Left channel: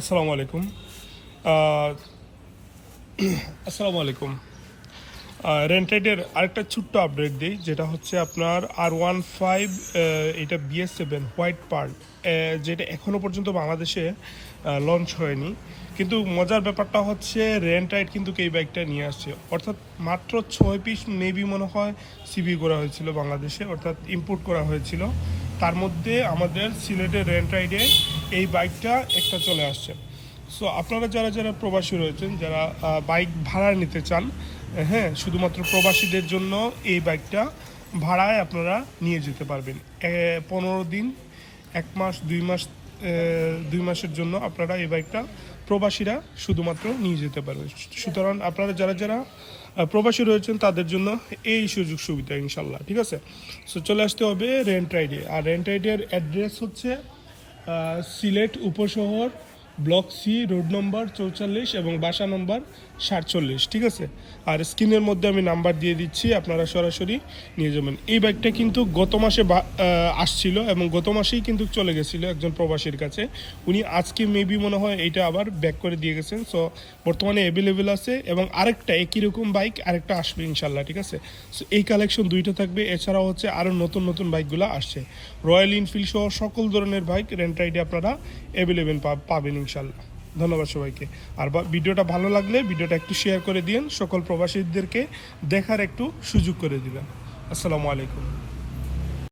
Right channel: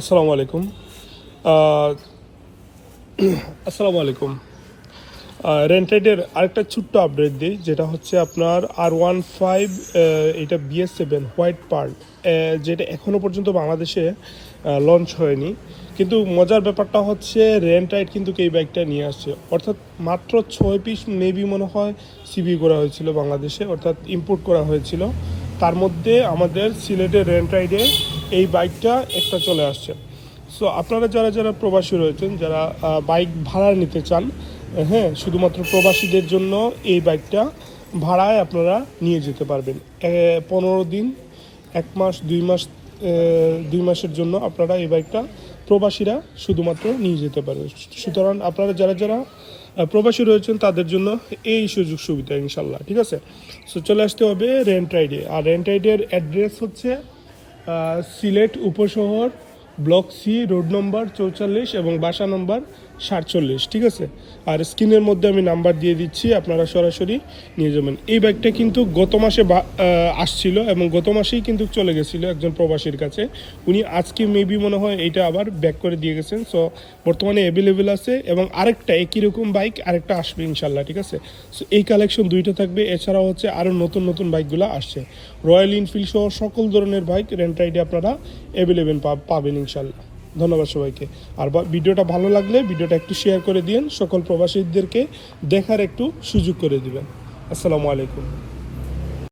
আসসালামু আলাইকুম। আসসালামু আলাইকুম। রেন্টেডের আরেকটা ছোট্ট আপডেট দিই, যেটা হচ্ছে আপনার আর ওয়ান ফাইভ এটা বিএস সেভেন হোয়াইট পার্ট যেটা এখনও পর্যন্ত বাংলাদেশে লঞ্চ হয়নি। কিন্তু মজার ব্যাপারটা হচ্ছে রেন্ট রাইড কিন্তু এই বাইকটা নিয়ে আসছে। অর্থাৎ মাত্র ছয় পিস মেবি মনে হয় সিবি করা হয়েছিল বাংলাদেশে, অর্থাৎ ইম্পোর্ট করা হয়েছিল। তার মধ্যে আমাদের সিলেটের রেন্ট রাইডে এই বাইকটা একটা চলে আসছে। সো আপনারা যারা যারা প্রবাসী রয়েছেন, যারা বাইক ভাড়া নিতে চান হ্যাঁ শুধুমাত্র প্রবাসীদের জন্য এই বাইকটা ভাড়ায় আপনারা নিয়ে যেতে পারবেন। পনেরো দিন, এক মাস, দুই মাস দুই মাসের জন্য আপনারা এই বাইকটা প্রবাসীরা শুধুমাত্র নিয়ে যেতে পারবে। সুতরাং আপনারা যারা যারা প্রবাসী রয়েছেন, তাদের জন্য এই সুযোগ সুবিধা ইনশাল্লাহ ঠিক আছে? সো চলে আসতে হবে রেন্ট রাইডে আর রেন্ট রাইডের অ্যাড্রেস হচ্ছে সিলেট উপশহর ব্লক সি রোড নম্বর চৌচল্লিশ এবং বাসা নম্বর সাতচল্লিশ, ঠিক আছে? আর স্ক্রিনের মধ্যে আমি নাম্বার দিয়ে দিচ্ছি, আপনারা সরাসরি নিয়ে যাবেন। এই বাইকটা কিন্তু গত মাসে আসছিল এবং গত মাসেই কিন্তু চলে গেছিল একজন প্রবাসীর কাছে। উনি আজকে মেবি মনে হয় এটা আবার ব্যাক করে দিয়ে গেছেন। সো বর্তমানে অ্যাভেলেবেল আছে এবং আরেকটা একই রকম বাইক আরেকটা আসবে ইনশাল্লাহ ঠিক আছে? সো এই কালেকশন দুইটা থাকবে। এছাড়াও হচ্ছে আরও নতুন নতুন বাইকগুলো আসছে। রয়্যাল এনফিল্ড সহ সকল ধরনের বাইক রেন্ট রাইডে আপনারা অ্যাভেলেবেল পাবেন ইনশাল্লাহ ধন্যবাদ সবাইকে। আর ভিডিওটা ভালো লাগলে ভিডিওটা একটু শেয়ার করে দিন সকল প্রবাসীদেরকে দেখার একটু সুযোগ করে দিবেন। আসসালামু আলাইকুম।